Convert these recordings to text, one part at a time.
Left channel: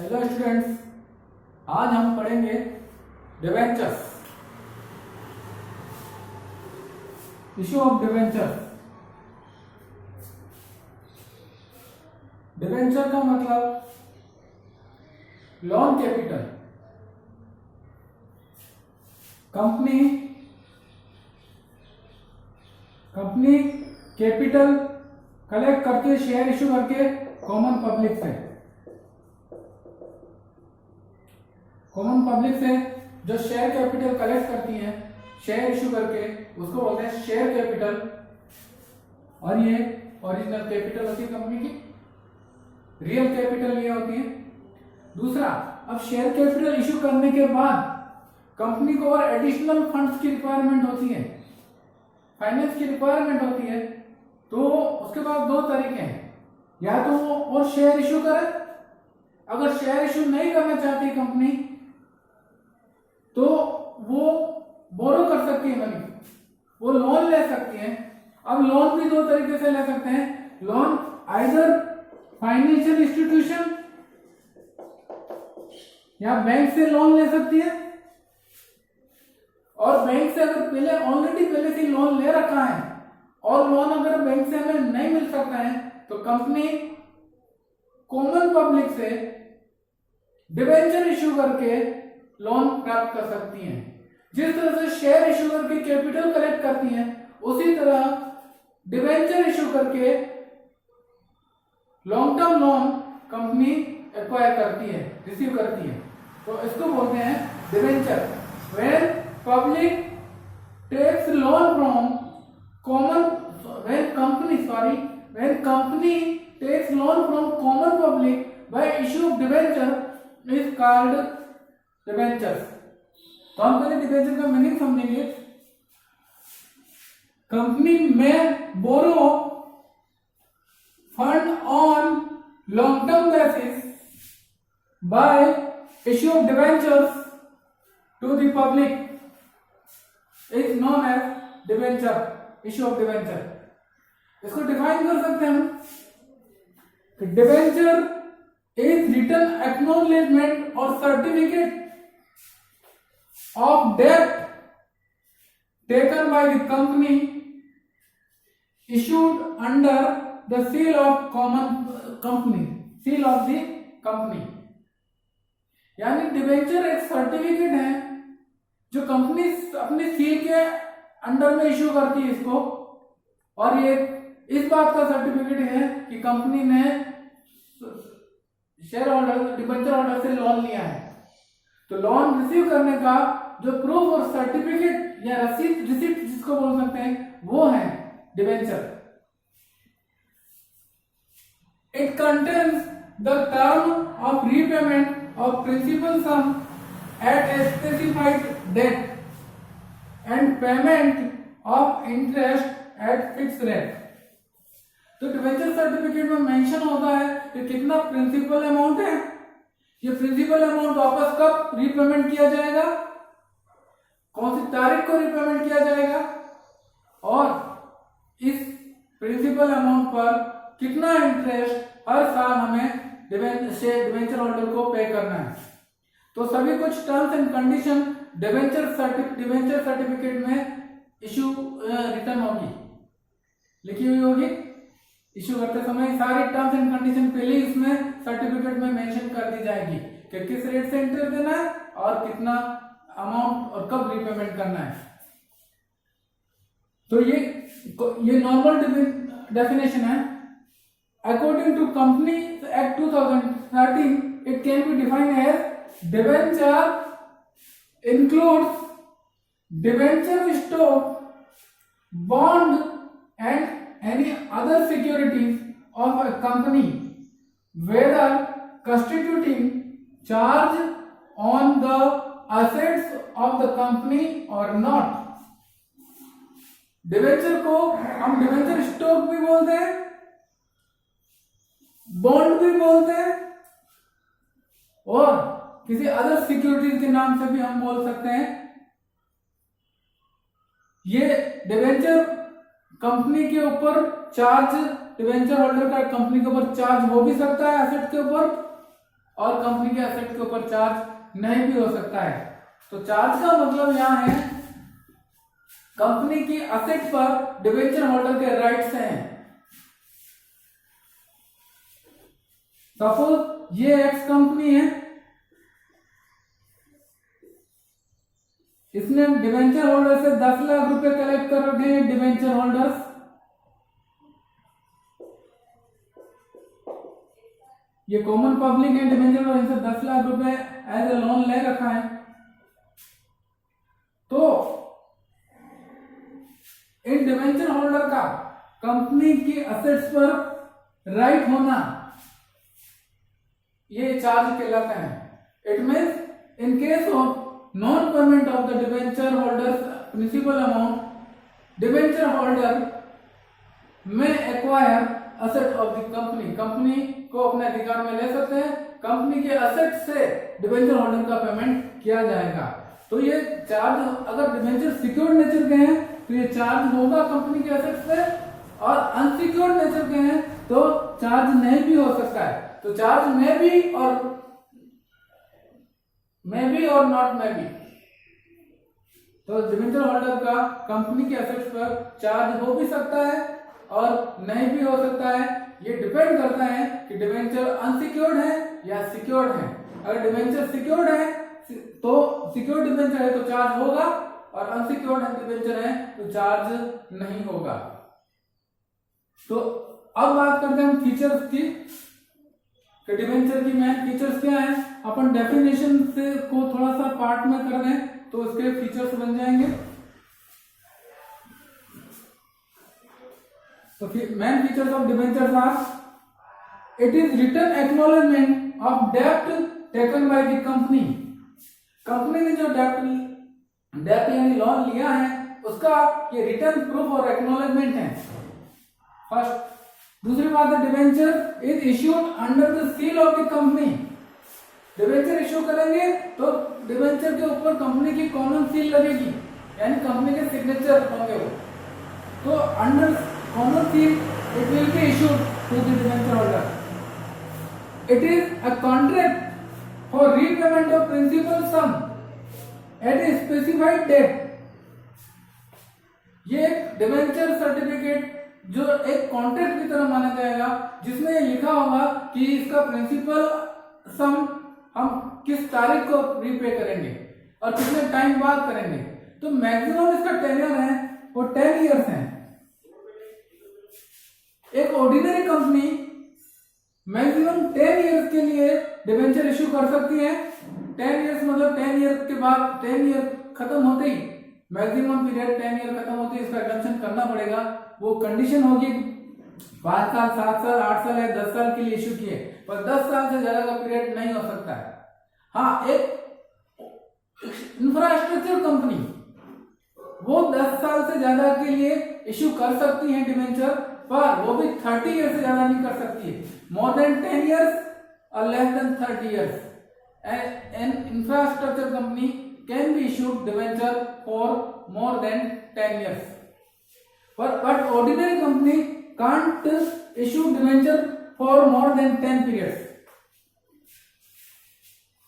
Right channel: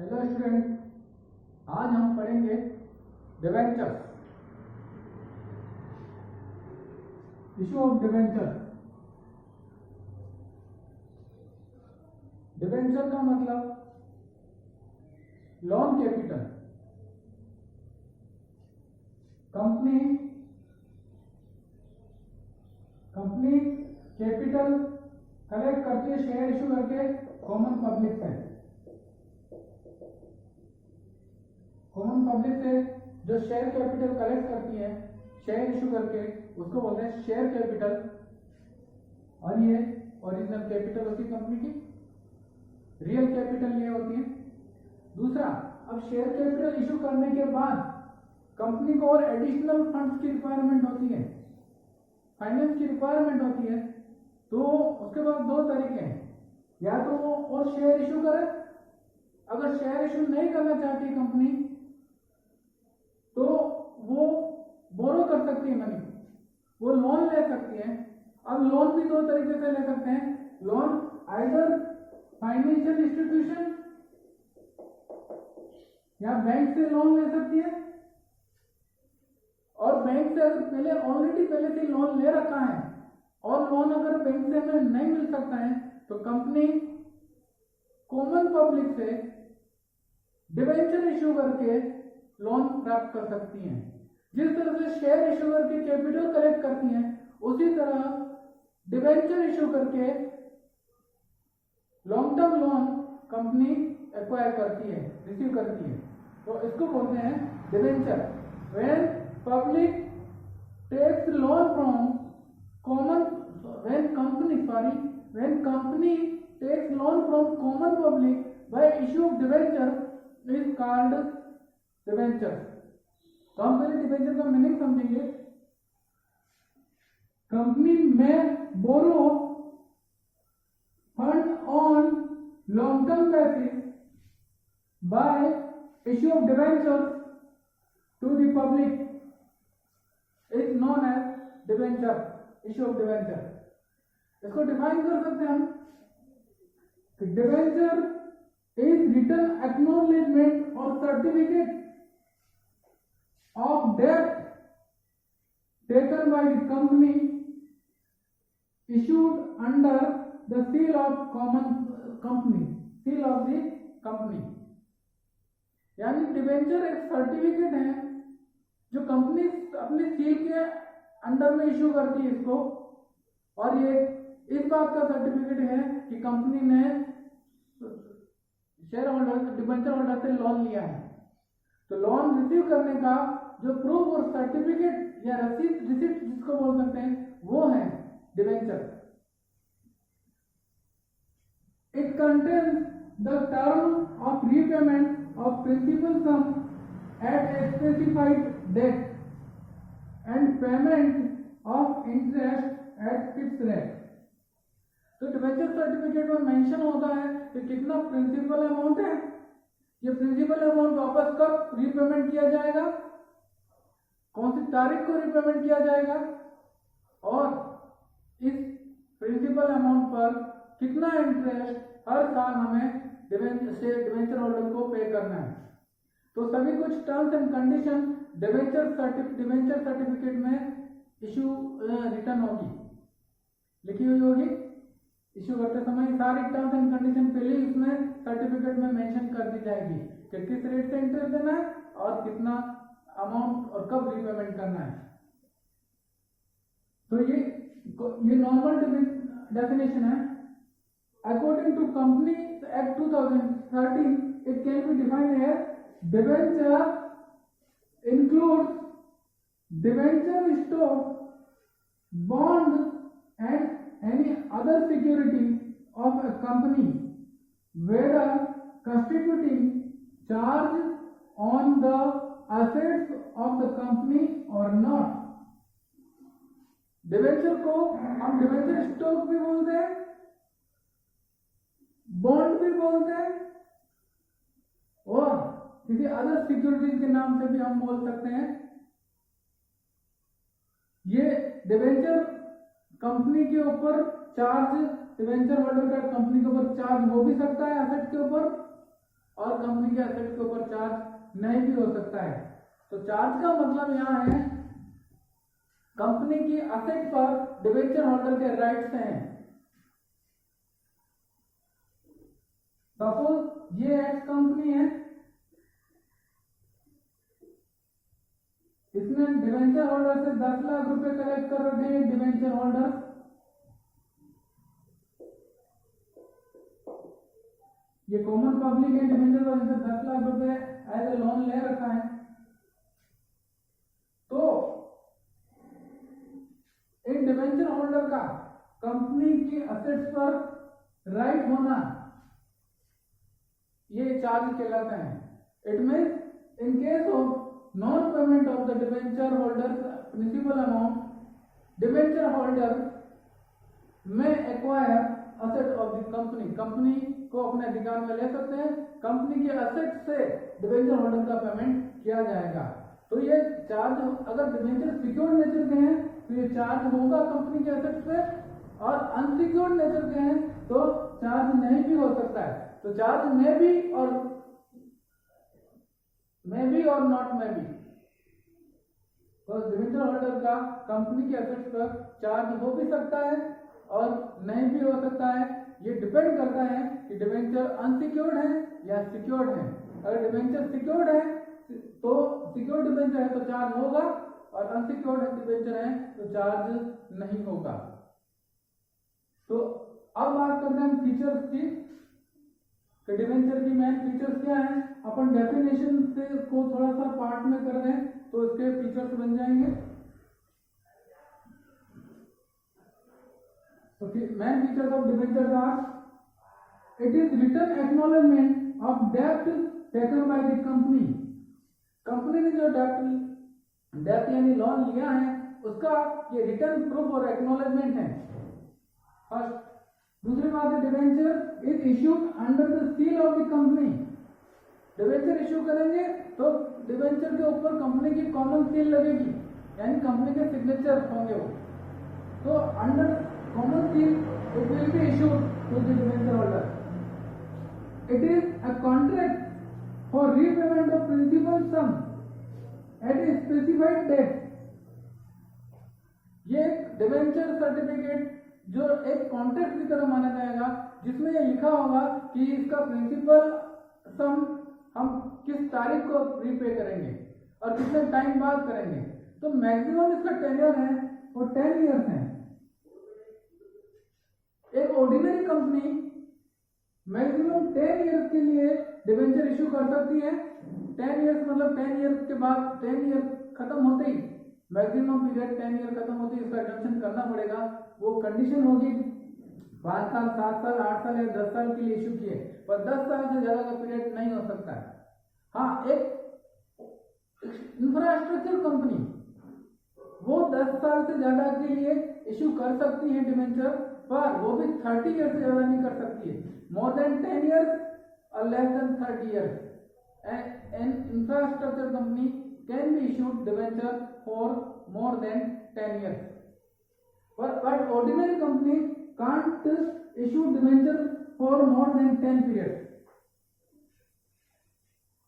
Hello students, आज हम पढ़ेंगे debentures, issue of debenture. Debenture का मतलब loan capital. Company capital collect करती है शेयर इशू करके कॉमन पब्लिक से जो शेयर कैपिटल कलेक्ट करती है शेयर इशू करके उसको बोलते हैं शेयर कैपिटल। और ये ओरिजिनल कैपिटल होती है कंपनी की, रियल कैपिटल ये होती है। दूसरा, अब शेयर कैपिटल इशू करने के बाद कंपनी को और एडिशनल फंड्स की रिक्वायरमेंट होती है, फाइनेंस की रिक्वायरमेंट होती है। तो उसके बाद दो तरीके हैं, या तो वो और शेयर इशू करे। अगर शेयर इशू नहीं करना चाहती कंपनी तो वो बोरो कर सकती है मनी, वो लोन ले सकती है। अब लोन भी दो तरीके से ले सकते हैं। लोन आइदर फाइनेंशियल इंस्टीट्यूशन या बैंक से लोन ले सकती है। और बैंक से अगर पहले से लोन ले रखा है और लोन अगर बैंक से हमें नहीं मिल सकता है तो कंपनी कॉमन पब्लिक से डिवेंचर इशू करके लोन प्राप्त कर सकती हैं। जिस तरह से शेयर इशू करके कैपिटल कलेक्ट करती हैं, उसी तरह डिवेंचर इशू करके long term loan company acquire करती है, रिसीव करती है। तो इसको बोलते हैं debenture. When public takes loan from when company takes loan from common public by issue of debenture is called debentures। तो हम पहले डिवेंचर का मीनिंग समझेंगे। कंपनी में borrow fund on long term basis by issue of debentures to the public is known as debenture, issue of debenture. इसको define कर सकते हैं हम कि डिवेंचर इज रिटन एक्नॉलेजमेंट और certificate of debt taken by the company issued under the seal of the company। यानी debenture एक certificate है जो कंपनी अपनी सील के अंडर में इशू करती है इसको। और ये इस बात का सर्टिफिकेट है कि कंपनी ने शेयर होल्डर डिवेंचर होल्डर से लोन लिया है। तो लोन रिसीव करने का जो प्रूफ और सर्टिफिकेट या रिसीट जिसको बोल सकते हैं वो है debenture. It contains the term of repayment of principal sum at a specified date and payment of interest at fix rate. तो डिवेंचर सर्टिफिकेट में मेंशन होता है कि कितना प्रिंसिपल अमाउंट है, ये प्रिंसिपल अमाउंट वापस कब रीपेमेंट किया जाएगा, कौन सी तारीख को रीपेमेंट किया जाएगा, और इस प्रिंसिपल अमाउंट पर कितना इंटरेस्ट हर साल हमें डिवेंचर होल्डर को पे करना है। तो सभी कुछ terms and condition debenture certificate में इशू रिटर्न होगी, लिखी हुई होगी। इशू करते समय सारी टर्म्स एंड कंडीशन पहले इसमें सर्टिफिकेट में मेंशन कर दी जाएगी कि किस रेट से इंटरेस्ट देना है और कितना अमाउंट और कब रीपेमेंट करना है। तो ये नॉर्मल डेफिनेशन है। According to company act 2013 it can be defined as debenture includes debenture stock, bond and any other securities of a company whether constituting charge on the assets of the company or not। Debenture को हम debenture stock भी बोलते हैं, bond भी बोलते हैं और किसी अदर सिक्योरिटीज के नाम से भी हम बोल सकते हैं। ये डिवेंचर कंपनी के ऊपर चार्ज, डिवेंचर होल्डर का कंपनी के ऊपर चार्ज हो भी सकता है एसेट के ऊपर, और कंपनी के एसेट के ऊपर चार्ज नहीं भी हो सकता है। तो चार्ज का मतलब यहाँ है कंपनी की एसेट पर डिबेंचर होल्डर के राइट्स हैं। सपोज ये एक्स कंपनी है, इसने डिबेंचर होल्डर से 10 लाख रुपए कलेक्ट कर रखे हैं। डिबेंचर होल्डर्स ये कॉमन पब्लिक है, डिबेंचर होल्डर से 10 लाख रुपए एज ए लोन ले रखा है। तो इन डिबेंचर होल्डर का कंपनी की एसेट्स पर राइट होना ये चार्ज कहलाता है। It means in case of non payment of the debenture holders principal amount, debenture holder में acquire asset of the company, company को अपने अधिकार में ले सकते हैं। कंपनी के असेट से डिबेंचर होल्डर का पेमेंट किया जाएगा। तो ये चार्ज अगर डिबेंचर सिक्योर्ड नेचर के हैं तो ये चार्ज होगा कंपनी के असेट से, और अनसिक्योर्ड नेचर के हैं तो चार्ज नहीं भी हो सकता है। तो चार्ज में भी और नॉट में भी। तो डिबेंचर होल्डर का कंपनी के एसेट्स पर चार्ज हो भी सकता है और नहीं भी हो सकता है। ये डिपेंड करता है कि डिबेंचर अनसिक्योर्ड है या सिक्योर्ड है। अगर डिबेंचर सिक्योर्ड है तो सिक्योर्ड डिबेंचर है तो चार्ज होगा, और अनसिक्योर्ड डिबेंचर है तो चार्ज नहीं होगा। तो अब बात करते हैं हम फीचर्स की। डिबेंचर की मेन फीचर्स क्या है। अपन डेफिनेशन से को थोड़ा सा पार्ट में कर दें तो इसके फीचर्स बन जाएंगे। तो main features of debentures are it is written acknowledgement of डेब्ट taken by the company. Company ने जो डेब्ट यानी लोन लिया है उसका ये रिटर्न प्रूफ और एक्नॉलेजमेंट है फर्स्ट। दूसरी बात है debenture is issued under the seal of the company. Debenture issue करेंगे तो डिबेंचर के ऊपर कंपनी की कॉमन सील लगेगी, यानी कंपनी के सिग्नेचर होंगे वो। तो under common seal it will be issued to the debenture holder. It is a contract for repayment of principal sum at a specified date. ये एक डिबेंचर सर्टिफिकेट जो एक कॉन्ट्रैक्ट की तरह माना जाएगा, जिसमें ये लिखा होगा कि इसका प्रिंसिपल सम हम किस तारीख को रीपे करेंगे और कितने टाइम बाद करेंगे। तो मैक्सिमम इसका टेन्योर है वो 10 इयर्स है। एक ऑर्डिनरी कंपनी मैक्सिमम 10 इयर्स के लिए डिबेंचर इश्यू कर सकती है। 10 इयर्स मतलब 10 ईयर के बाद 10 ईयर खत्म होते ही मैक्सिमम पीरियड 10 ईयर खत्म होते ही इसका एग्जेम्पशन करना पड़ेगा। वो कंडीशन होगी 5 साल 7 साल 8 साल या 10 साल के लिए इश्यू किए, पर 10 साल से ज्यादा का पीरियड नहीं हो सकता है। हाँ, एक इंफ्रास्ट्रक्चर कंपनी वो 10 साल से ज्यादा के लिए इश्यू कर सकती है डिबेंचर, पर वो भी 30 ईयर से ज्यादा नहीं कर सकती है। मोर देन 10 ईयर्स और less than 30 years and infrastructure company can be issued debenture for more than 10 years. But ordinary company can't issue debenture for more than 10 periods.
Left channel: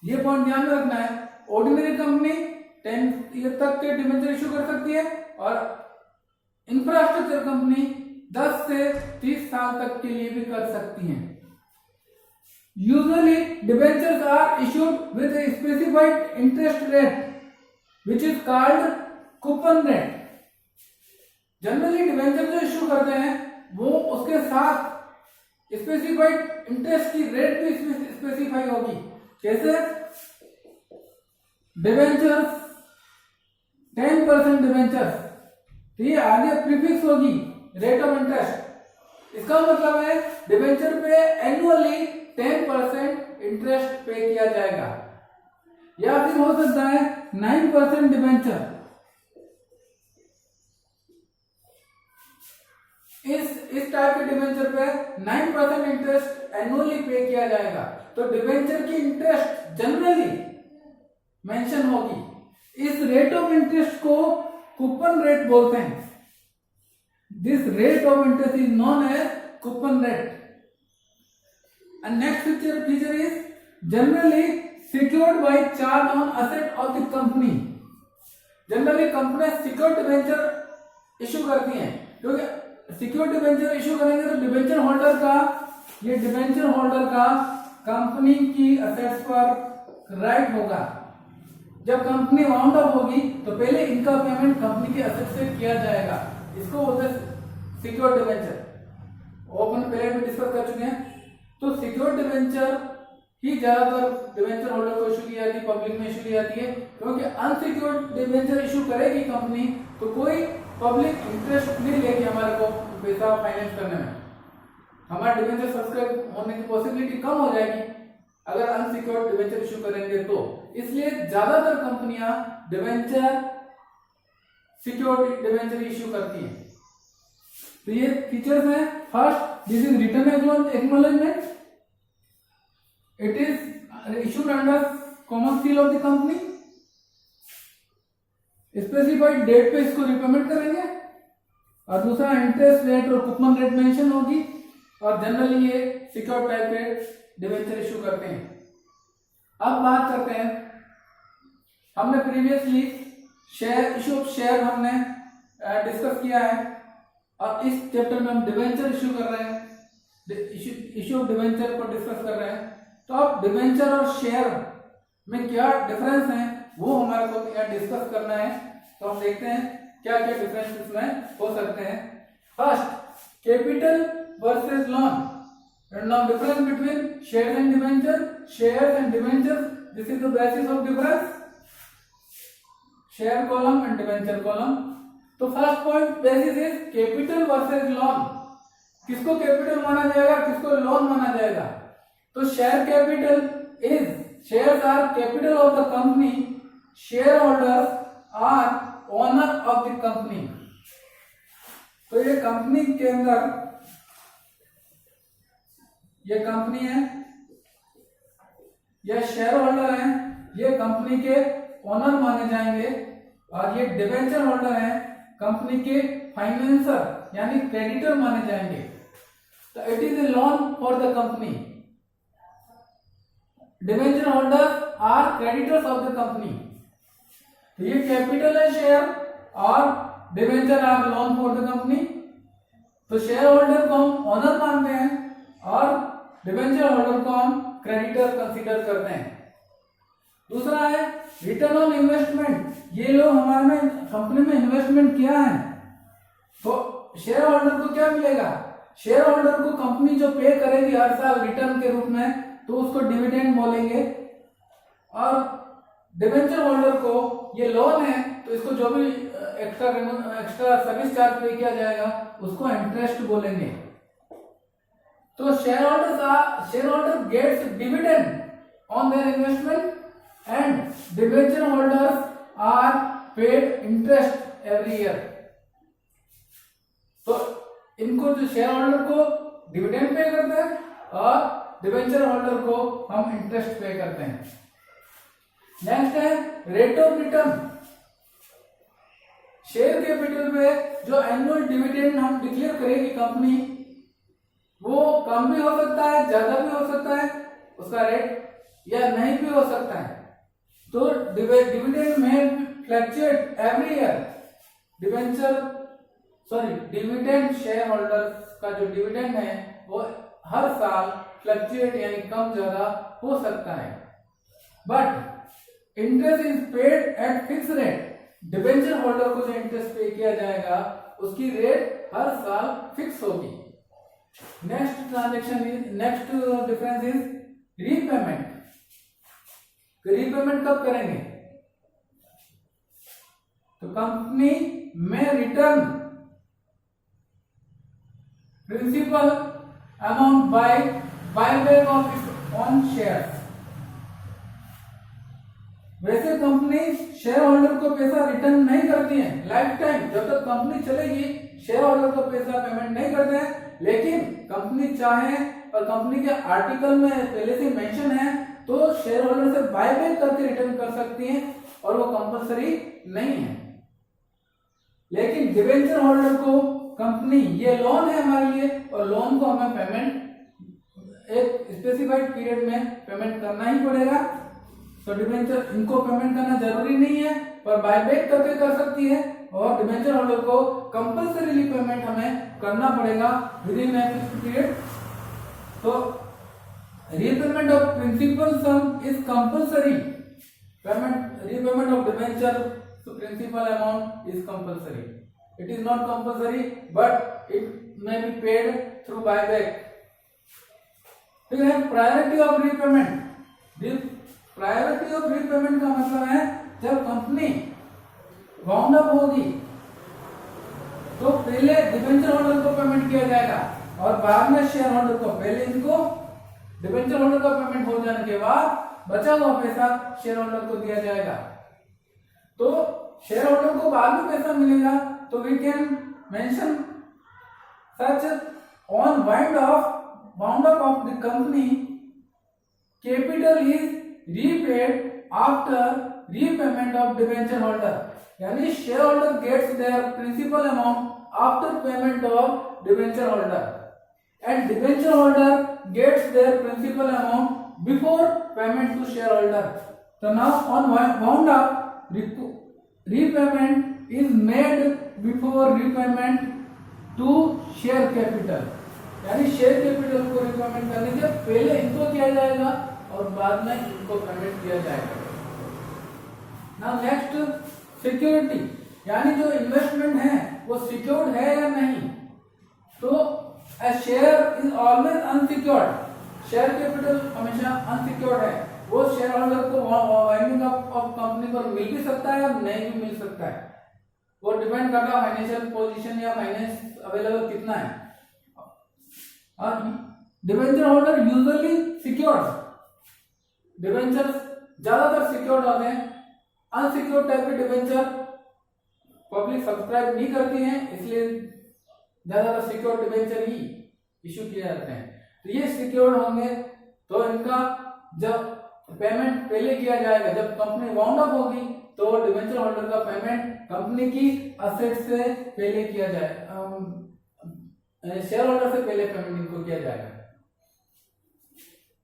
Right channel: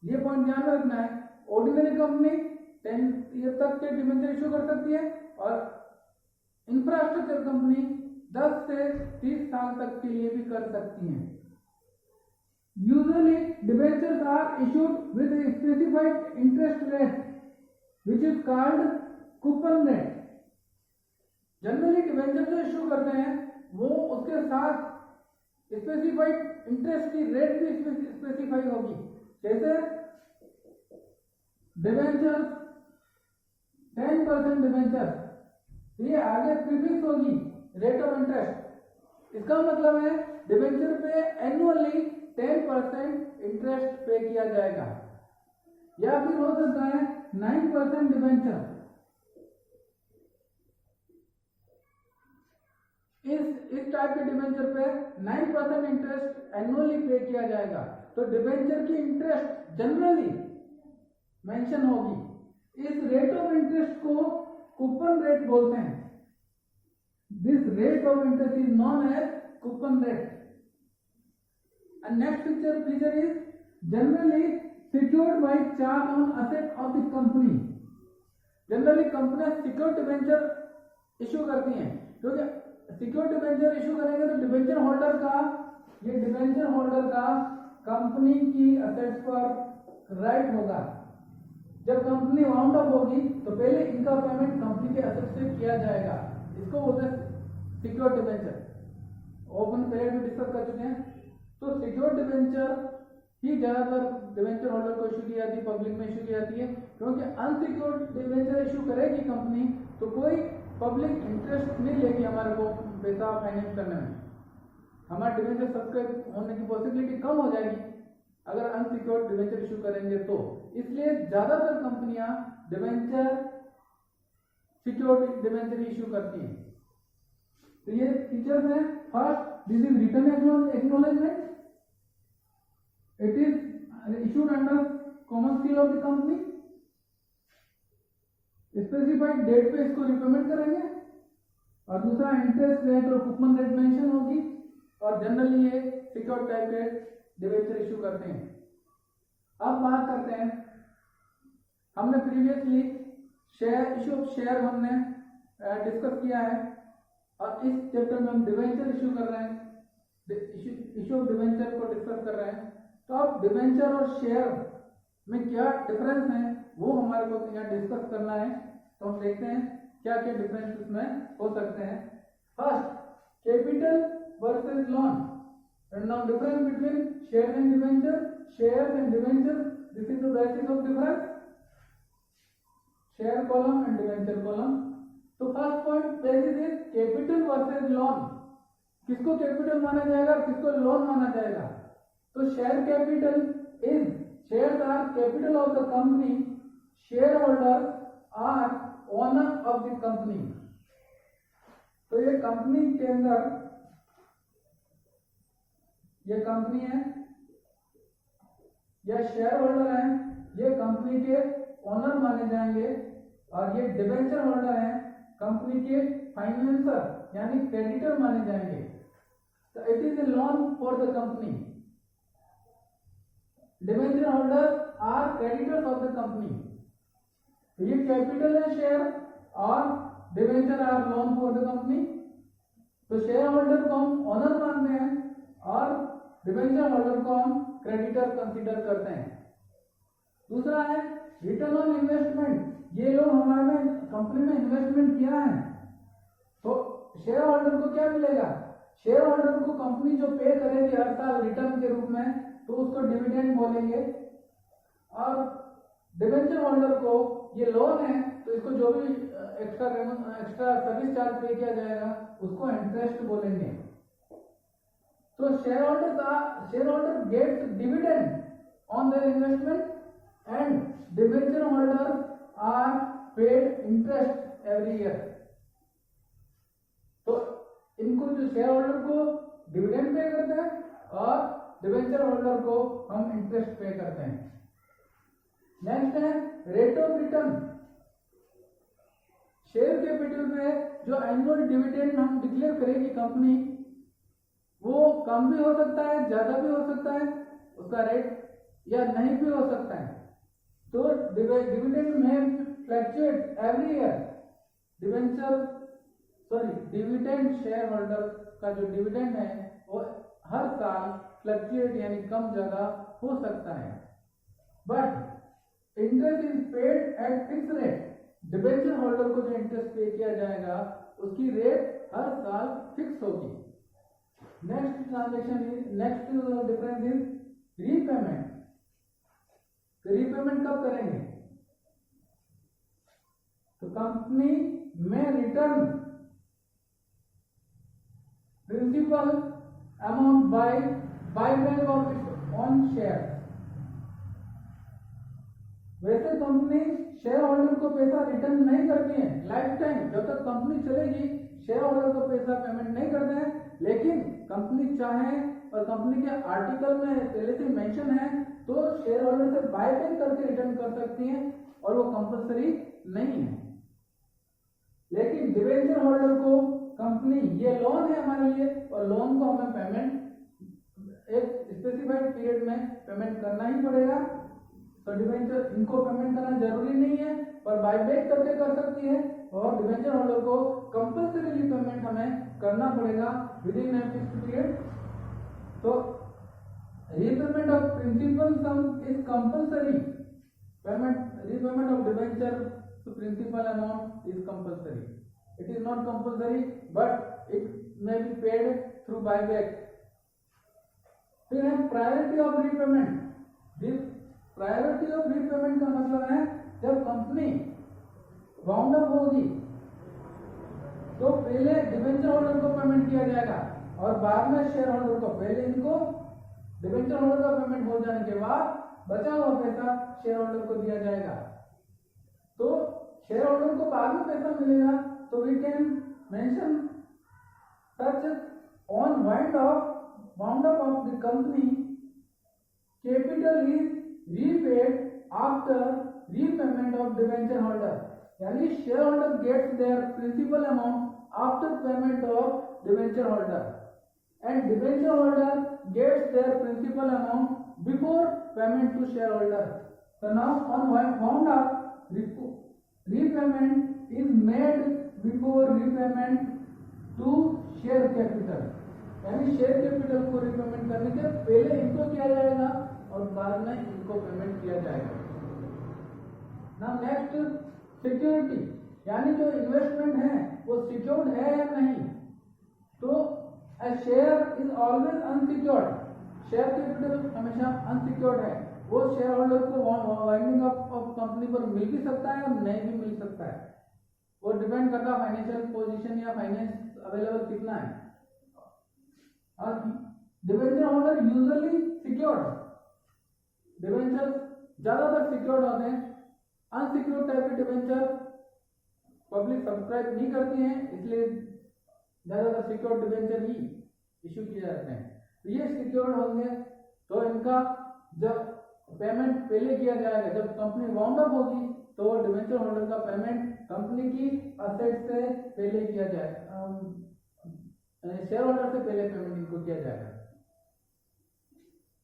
ये पॉइंट ध्यान में रखना है। ऑर्डिनरी कंपनी 10 ईयर तक के debenture issue कर सकती है और इंफ्रास्ट्रक्चर कंपनी 10 से 30 साल तक के लिए भी कर सकती है। Usually debentures are issued with a specified interest rate which is called coupon rate. Generally debenture जो इश्यू करते हैं वो उसके साथ स्पेसिफाइड इंटरेस्ट की रेट भी स्पेसिफाई होगी। जैसे डिबेंचर्स 10% डिबेंचर्स, तो ये आगे प्रीफिक्स होगी रेट ऑफ इंटरेस्ट। इसका मतलब है डिबेंचर पे एनुअली 10% इंटरेस्ट पे किया जाएगा। या फिर हो सकता है 9% डिबेंचर। इस टाइप के डिबेंचर पे 9% इंटरेस्ट एनुअली पे किया जाएगा। तो डिबेंचर की इंटरेस्ट जनरली मेंशन होगी। इस रेट ऑफ इंटरेस्ट को कूपन रेट बोलते हैं। This rate of interest is known as coupon rate. And next feature is generally secured by charge on asset of the company. Generally कंपनियां secured debenture issue करती हैं, क्योंकि secured debenture issue करेंगे तो debenture holder का, ये debenture holder का company की असेट्स पर राइट होगा। जब कंपनी वाउंड अप होगी तो पहले इनका पेमेंट कंपनी के असेट से किया जाएगा, इसको बोलते हैं सिक्योर्ड डिबेंचर। ओपन पहले भी डिस्कस कर चुके हैं। तो सिक्योर्ड डिबेंचर ही ज्यादातर डिबेंचर होल्डर को इशू की जाती है, पब्लिक में इशू की जाती है, क्योंकि अनसिक्योर्ड डिबेंचर इशू करेगी कंपनी तो कोई पब्लिक इंटरेस्ट नहीं लेगी हमारे को पैसा फाइनेंस करने में, हमारा डिबेंचर सब्सक्राइब होने की पॉसिबिलिटी कम हो जाएगी अगर अनसिक्योर्ड डिबेंचर इशू करेंगे तो। इसलिए ज्यादातर कंपनियां डिबेंचर सिक्योर्ड डिबेंचर इशू करती हैं। तो ये फीचर्स हैं। First, this is written acknowledgement, it is issued under common seal of the company, specified date पे इसको रिपेमेंट करेंगे, और दूसरा इंटरेस्ट रेट और कूपन रेट मेंशन होगी, और जनरली ये सिक्योर्ड टाइप के डिबेंचर इशू करते हैं। अब बात करते हैं, हमने previously share issue of share हमने डिस्कस किया है, और इस चैप्टर में हम डिबेंचर इशू कर रहे हैं, इशू ऑफ डिबेंचर को डिस्कस कर रहे हैं। तो अब डिबेंचर और शेयर में क्या डिफरेंस है वो हमारे को यहाँ डिस्कस करना है। तो हम देखते हैं क्या क्या डिफरेंस इसमें हो सकते हैं। First, capital versus loan, and now difference between shares and debenture, shares and debentures, this is the basis of difference, share column and debenture column। तो first point basis is capital versus loan, किसको capital माना जाएगा, किसको loan माना जाएगा। तो share capital is, shares are capital of the company, share holders are owner of the company. तो ये कंपनी के अंदर ये कंपनी है, ये शेयर होल्डर हैं, ये कंपनी के ओनर माने जाएंगे, और ये डिबेंचर होल्डर हैं, कंपनी के फाइनेंसर यानी क्रेडिटर माने जाएंगे। तो it is a loan for the company, debenture holders are creditors of the company. तो ये कैपिटल है शेयर, और debenture are loan for the company. तो शेयर होल्डर को हम ओनर मानते हैं, और डिबेंचर होल्डर को हम क्रेडिटर कंसीडर करते हैं। दूसरा है रिटर्न ऑन इन्वेस्टमेंट, ये लोग हमारे में कंपनी में इन्वेस्टमेंट किया है, तो शेयर होल्डर को क्या मिलेगा, शेयर होल्डर को कंपनी जो पे करेगी हर साल रिटर्न के रूप में, तो उसको डिविडेंड बोलेंगे। और डिबेंचर होल्डर को ये लोन है, तो इसको जो भी एक्स्ट्रा सर्विस चार्ज पे किया जाएगा उसको इंटरेस्ट बोलेंगे। तो shareholder gets dividend on their investment, and debenture holders are paid interest every year। तो इनको जो शेयर होल्डर को डिविडेंड पे करते हैं, और डिबेंचर होल्डर को हम इंटरेस्ट पे करते हैं। नेक्स्ट है rate of return, share capital पे जो एनुअल डिविडेंड हम डिक्लेयर करेगी कंपनी, वो कम भी हो सकता है, ज्यादा भी हो सकता है उसका रेट, या नहीं भी हो सकता है। तो डिविडेंड में fluctuate every year, dividend share holder का जो डिविडेंड है वो हर साल फ्लक्चुएट यानी कम ज्यादा हो सकता है। But interest is paid eight fix rate, debenture holder को जो इंटरेस्ट पे किया जाएगा उसकी रेट हर साल फिक्स होगी। Next difference is repayment. Repayment कब करेंगे, तो कंपनी में return principal amount buy back of its own share. वैसे कंपनी शेयर होल्डर को पैसा रिटर्न नहीं करती है लाइफ टाइम, जब तक कंपनी चलेगी शेयर होल्डर को पैसा पेमेंट नहीं करते हैं। लेकिन कंपनी चाहे, और कंपनी के आर्टिकल में पहले से मेंशन है, तो शेयर होल्डर से बायबैक करके रिटर्न कर सकती हैं, और वो कंपलसरी नहीं है। लेकिन डिबेंचर होल्डर को कंपनी, ये लोन है हमारे लिए, और लोन को हमें पेमेंट एक स्पेसिफाइड स्पेसिफाइड पीरियड में पेमेंट करना ही पड़ेगा। तो डिबेंचर इनको पेमेंट करना जरूरी नहीं है, पर बायबैक करके कर सकती है, और डिबेंचर होल्डर को कंपल्सरीली पेमेंट हमें करना पड़ेगा within a fixed period. तो repayment of principal sum is compulsory. Repayment of debenture to principal amount is compulsory. It is not compulsory but it may be paid through buyback. फिर है priority of repayment. Priority of repayment का मतलब है जब company wound up होगी तो पहले debenture holder को पेमेंट किया जाएगा और बाद में शेयर होल्डर को। पहले इनको डिबेंचर होल्डर का पेमेंट हो जाने के बाद बचा हुआ पैसा शेयर होल्डर को दिया जाएगा। तो शेयर होल्डर को बाद में पैसा मिलेगा, तो we can mention such on wind up of the company capital is repaid after repayment of debenture holder. यानी share holder gets their principal amount after payment of debenture holder and debenture holder gets their principal amount before payment to shareholder. So now on wound up repayment is made before repayment to share capital. यानी share capital को repayment करने के पहले इनको किया जाएगा और बाद में इनको पेमेंट किया जाएगा। नाउ नेक्स्ट सिक्योरिटी, यानी जो इन्वेस्टमेंट है वो सिक्योर्ड है या नहीं। तो A share is always unsecured. Share capital हमेशा अनसिक्योर्ड है। वो शेयर होल्डर को वाइंडिंग अप ऑफ कंपनी पर मिल भी सकता है और नहीं भी मिल सकता है। वो डिपेंड करता है फाइनेंशियल पोजीशन या फाइनेंस अवेलेबल कितना है। और debenture holder usually secured, debenture ज्यादातर सिक्योर्ड होते हैं। अनसिक्योर्ड टाइप के डिबेंचर पब्लिक सब्सक्राइब नहीं करती है, इसलिए ज्यादातर सिक्योर्ड डिबेंचर ही इशू किए जाते हैं। तो ये सिक्योर्ड होंगे तो इनका जब पेमेंट पहले किया जाएगा, जब कंपनी वाउंड अप होगी तो डिबेंचर होल्डर का पेमेंट कंपनी की असेट से पहले किया जाए, शेयर होल्डर से पहले पेमेंट इनको किया जाएगा।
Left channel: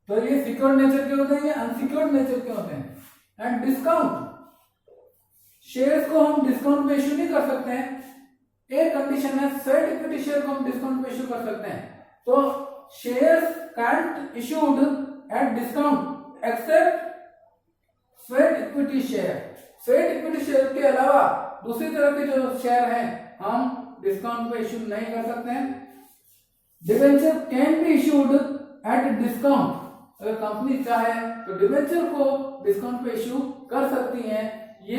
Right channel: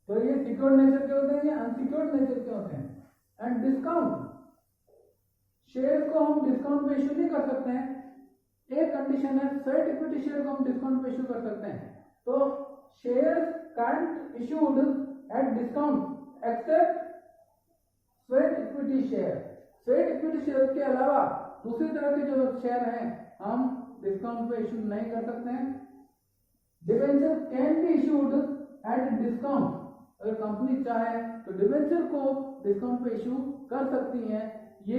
तो ये सिक्योर्ड नेचर के होते हैं, ये अनसिक्योर्ड नेचर के होते हैं। एंड डिस्काउंट, शेयर्स को हम डिस्काउंट पे इश्यू नहीं कर सकते हैं। एक कंडीशन है, स्वेट इक्विटी शेयर को हम डिस्काउंट पे इश्यू कर सकते हैं। तो shares can't issued at discount except sweat equity share. Sweat equity share के अलावा दूसरी तरह के जो शेयर हैं हम डिस्काउंट पे इश्यू नहीं कर सकते हैं। Debenture can be issued at discount. अगर कंपनी चाहे तो डिबेंचर को डिस्काउंट पे इश्यू कर सकती है, ये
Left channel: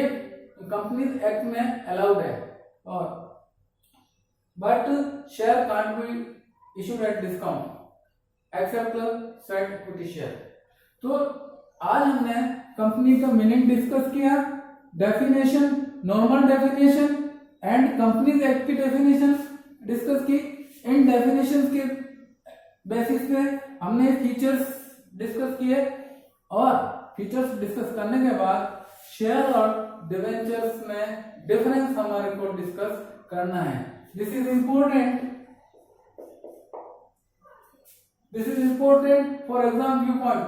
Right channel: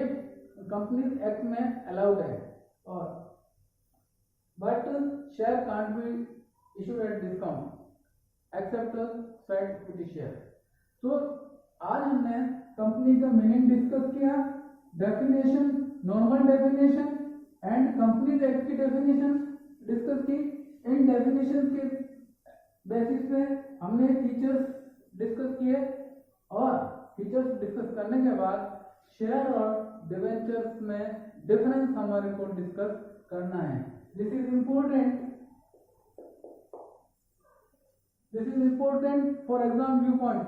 कंपनी एक्ट में अलाउड है। और but share can't be issued at discount except sweat equity share। तो आज हमने कंपनी का मीनिंग डिस्कस किया, definition, normal definition and companies act की डेफिनेशन डिस्कस की। इन डेफिनेशन के बेसिस पे हमने फीचर्स डिस्कस किए और फीचर्स डिस्कस करने के बाद शेयर और डिबेंचर्स में डिफरेंस हमारे को डिस्कस करना है। This is important for exam viewpoint।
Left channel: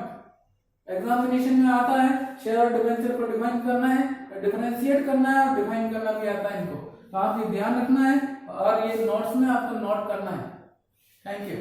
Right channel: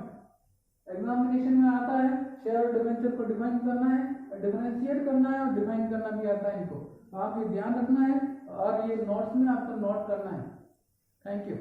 Examination में आता है शेयर और डिबेंचर को डिफाइन करना है, डिफरेंशिएट करना है और डिफाइन करना भी आता है इनको। तो आप ये ध्यान रखना है और ये नोट्स में आपको नोट करना है। Thank you.